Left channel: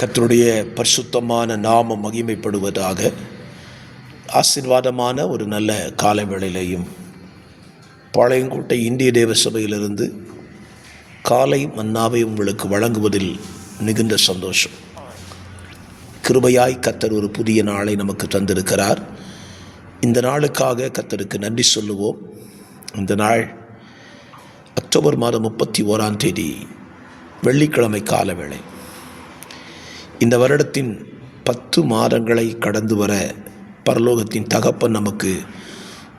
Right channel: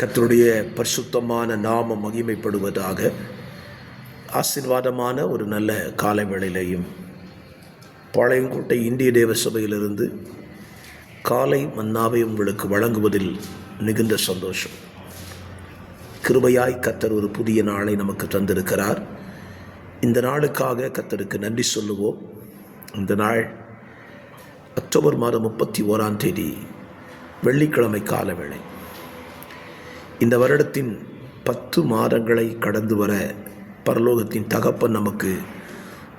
கர்த்தருடைய பரிசுத்தமான நாமம் மகிமைப்படுவதாக. ஆசீர்வாதமான ஒரு நல்ல காலை வேளையிலையும் பாளையங்கோட்டை இந்திய தேவ சபையிலிருந்து காலை மன்னாவை உங்களுக்கு வழங்குவதில் மிகுந்த சந்தோஷம். கிருபையாய் கர்த்தர் ஒரு புதிய நாளை நமக்கு தந்திருக்கிறார். இந்த நாளுக்காக கர்த்தருக்கு நன்றி சொல்லுவோம். இந்த நாள் அக்டோபர் மாதம் 31 வெள்ளிக்கிழமை கால வேளை. இந்த வருடத்தின் 10 மாதங்களை கடந்து வர பரலோகத்தின் தகப்பன் நமக்கு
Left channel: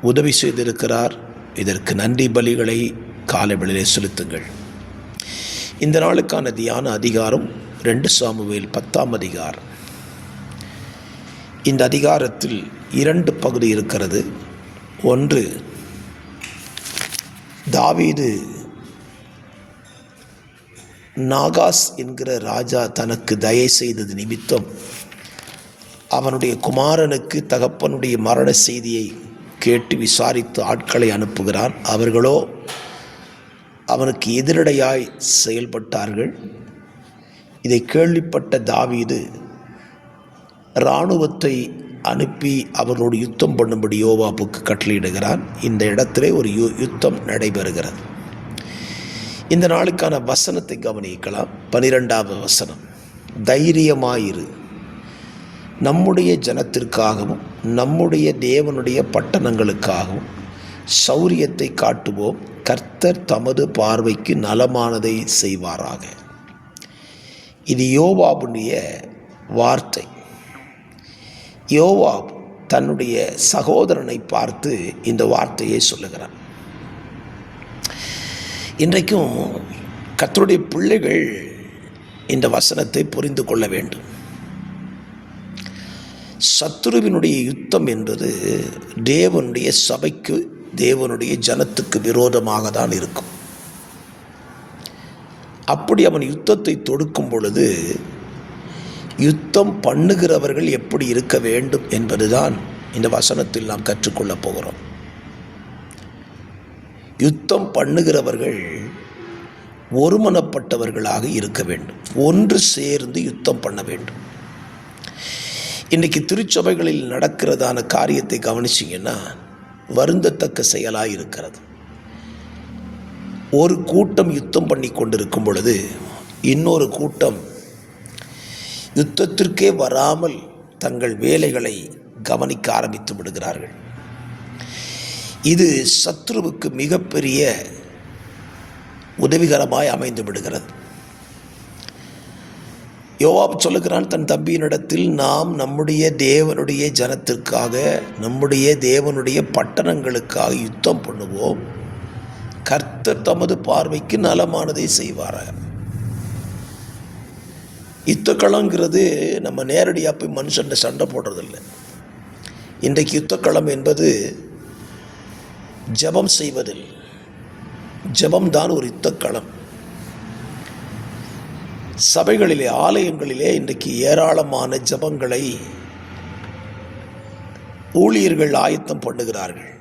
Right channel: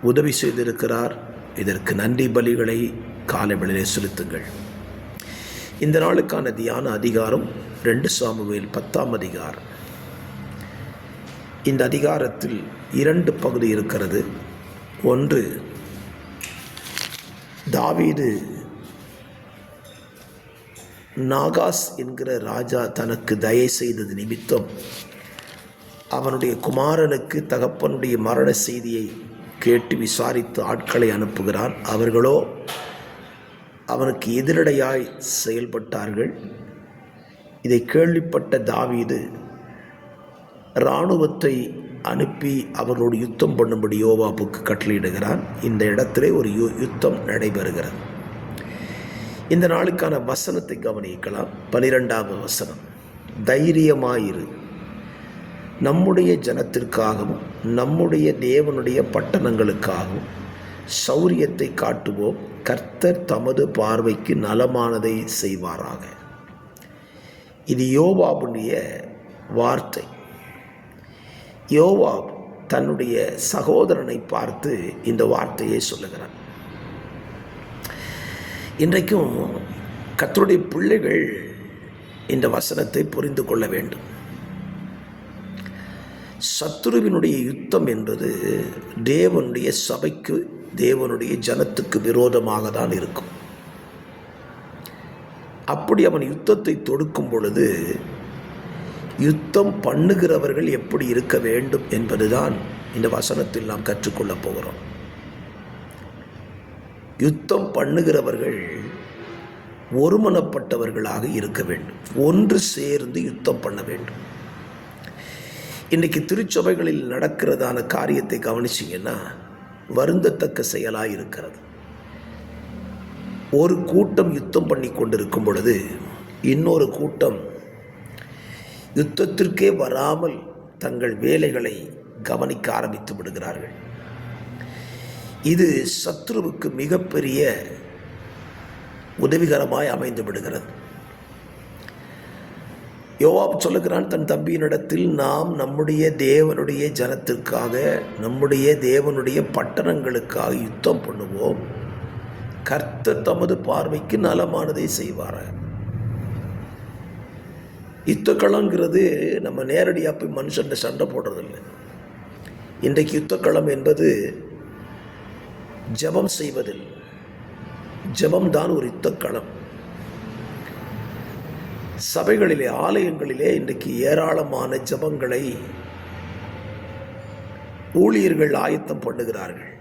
உதவி செய்திருக்கிறார். இதற்கு நன்றி பலிகளை காலை வேளையிலே செலுத்துங்கள். இந்த நாளுக்கான தியான அதிகாரம் 2 சாமுவேல் 10ஆம் அதிகாரம். இந்த அதிகாரத்தில் 2 பகுதி இருக்கிறது. ஒன்று, தாவீது நாகாஸ் என்கிற ராஜா தனக்கு தயை செய்தது நிமித்தம் அவனுடைய குமாரனுக்கு தகப்பனுடைய மரண செய்தியை கேட்டு விசாரித்து ஆட்களை அனுப்புகிறான். அவர்களோ அவனுக்கு எதிரடையாய் செயல்பட்டார்கள். இதை கேள்விப்பட்ட தாவீது இராணுவத்தை அனுப்பி அவர்களோடு யுத்தம் பண்ணும்படி யோவாபுக்கு கட்டளையிடுகிறான். இந்த இடத்திலே ஒரு யுத்தம் நடைபெறுகிறது. இந்த நாளுக்கான வசனத்தை கவனிக்கலாம். 12வது வசனம், தைரியமாயிரு, நம்முடைய ஜனத்திற்காகவும் நம்முடைய தேவனுடைய பட்டணங்களுக்காகவும் சௌரியத்தை காட்டுவோம். கர்த்தர் தமது பார்வைக்கு நலமானதை செய்வாராக. இது யோவாபுடைய வார்த்தை. யோவாப் தன்னுடைய சகோதரனை பார்த்து இந்த வார்த்தையை சொல்லுகிறான். இன்றைக்கும் கர்த்தருடைய பிள்ளைகள் இந்த வசனத்தை புரிந்து கொள்ள வேண்டும். சத்துருவினுடைய யுத்தம் என்பது தேவனுடைய சபைக்கு, தேவனுடைய ஜனத்துக்கு விரோதமாக தான் இருக்கும். அப்படி அவன் யுத்தத்தை தொடுக்கும் பொழுது யுத்தம் பண்ணுகிறவர்கள் எப்படி இருக்க வேண்டும் என்பதுதான் இந்த வசனத்தில் நாம் கற்றுக்கொள்ளப் போகிறோம். யுத்தம் பண்ணுகிறவர்கள் ஒருமனப்பட்டவர்களாக இருக்க வேண்டும். ஒன்று சேர்ந்து யுத்தம் பண்ண வேண்டும். இன்றைக்கு திருச்சபைகளில் நடக்கிறதான காரியத்தை கவனிச்சிங்கன்னா வருந்தத்தக்க செயலாக இருக்கிறது. ஒரு கூட்டம் யுத்தம் பண்ணி கொண்டிருக்கும் பொழுது இன்னொரு கூட்டம் யுத்தத்திற்கே வராமல் தங்கள் வேலைகளை கவனிக்க ஆரம்பித்து விடுகிறார்கள். இது சத்ருவுக்கு மிகப்பெரிய உதவிகரமாய் அமைந்து விடுகிறது. யோவாப் சொல்லுகிறான் தன் தம்பியினிடத்தில், நாம் நம்முடைய தேவனுடைய ஜனத்திற்காக, நம்முடைய தேவனுடைய பட்டணங்களுக்காக யுத்தம் பண்ணுவோம். கர்த்தர் தமது பார்வைக்கு நலமானதை செய்வாராக. யுத்தக்களங்கிறது நம்ம நேரடியாக போய் மனுஷன் சண்டை போடுறதில்லை. இன்றைக்கு யுத்தக்களம் என்பது ஜெபம் செய்வதில், ஜெபம்தான் ஒரு யுத்தக்களம். சபைகளிலே, ஆலயங்களிலே இன்றைக்கு ஏராளமான ஜெபங்களை ஊழியர்கள் ஆயத்தம் பண்ணுகிறார்கள்.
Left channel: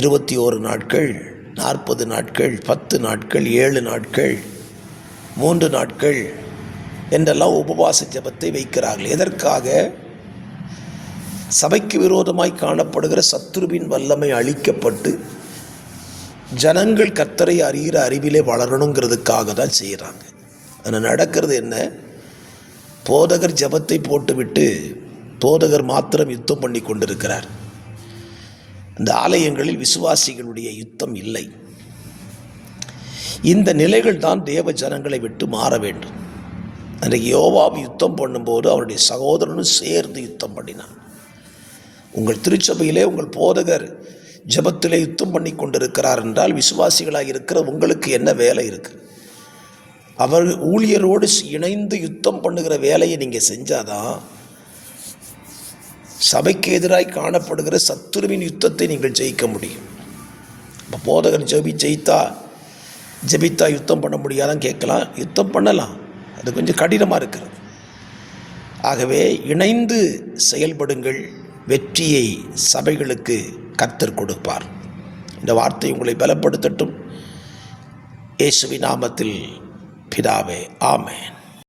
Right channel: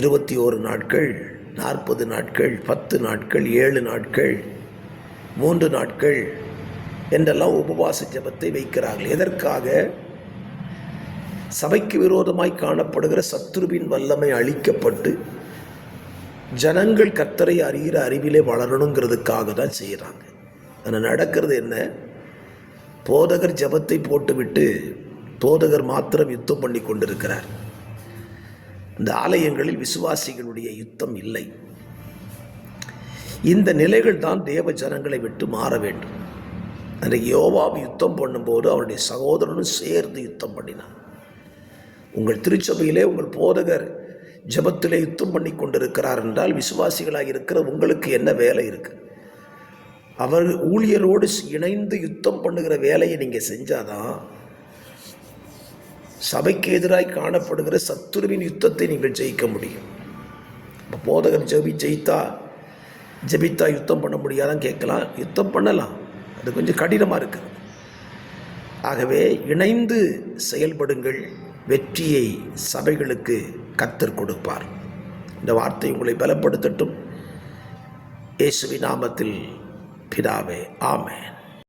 21 நாட்கள், 40 நாட்கள், 10 நாட்கள், 7 நாட்கள், 3 நாட்கள் என்றெல்லாம் உபவாச ஜெபத்தை வைக்கிறார்கள். எதற்காக? சபைக்கு விரோதமாய் காணப்படுகிற சத்துருவின் வல்லமை அழிக்கப்பட்டு ஜனங்கள் கர்த்தரை அறிகிற அறிவிலே வளரணுங்கிறதுக்காக தான் செய்கிறாங்க. ஆனால் நடக்கிறது என்ன? போதகர் ஜெபத்தை போட்டுவிட்டு போதகர் மாத்திரம் யுத்தம் பண்ணி கொண்டிருக்கிறார். இந்த ஆலயங்களில் விசுவாசிகளுடைய யுத்தம் இல்லை. இந்த நிலைகள் தான் தேவ ஜனங்களை விட்டு மாற வேண்டும். அன்றைக்கு யோவாப் யுத்தம் பண்ணும்போது அவருடைய சகோதரனும் சேர்ந்து யுத்தம் பண்ணினான். உங்கள் திருச்சபையிலே உங்கள் போதகர் ஜெபத்திலே யுத்தம் பண்ணி கொண்டிருக்கிறார் என்றால் விசுவாசிகளாக இருக்கிற உங்களுக்கு என்ன வேலை இருக்குது? அவர் ஊழியரோடு இணைந்து யுத்தம் பண்ணுகிற வேலையை நீங்கள் செஞ்சாதான் சபைக்கு எதிராய் காணப்படுகிற சத்துருவின் யுத்தத்தை நீங்கள் ஜெயிக்க முடியும். இப்போ போதகர் ஜெபித்தா யுத்தம் பண்ண முடியாதான்னு கேட்கலாம். யுத்தம் பண்ணலாம், அது கொஞ்சம் கடினமாக இருக்கிறது. ஆகவே இணைந்து செயல்படுங்கள். வெற்றியை சபைகளுக்கு கர்த்தர் கொடுப்பார். இந்த வார்த்தை உங்களை பலப்படுத்தட்டும். இயேசுவின் நாமத்தில் பிதாவே, ஆமென்.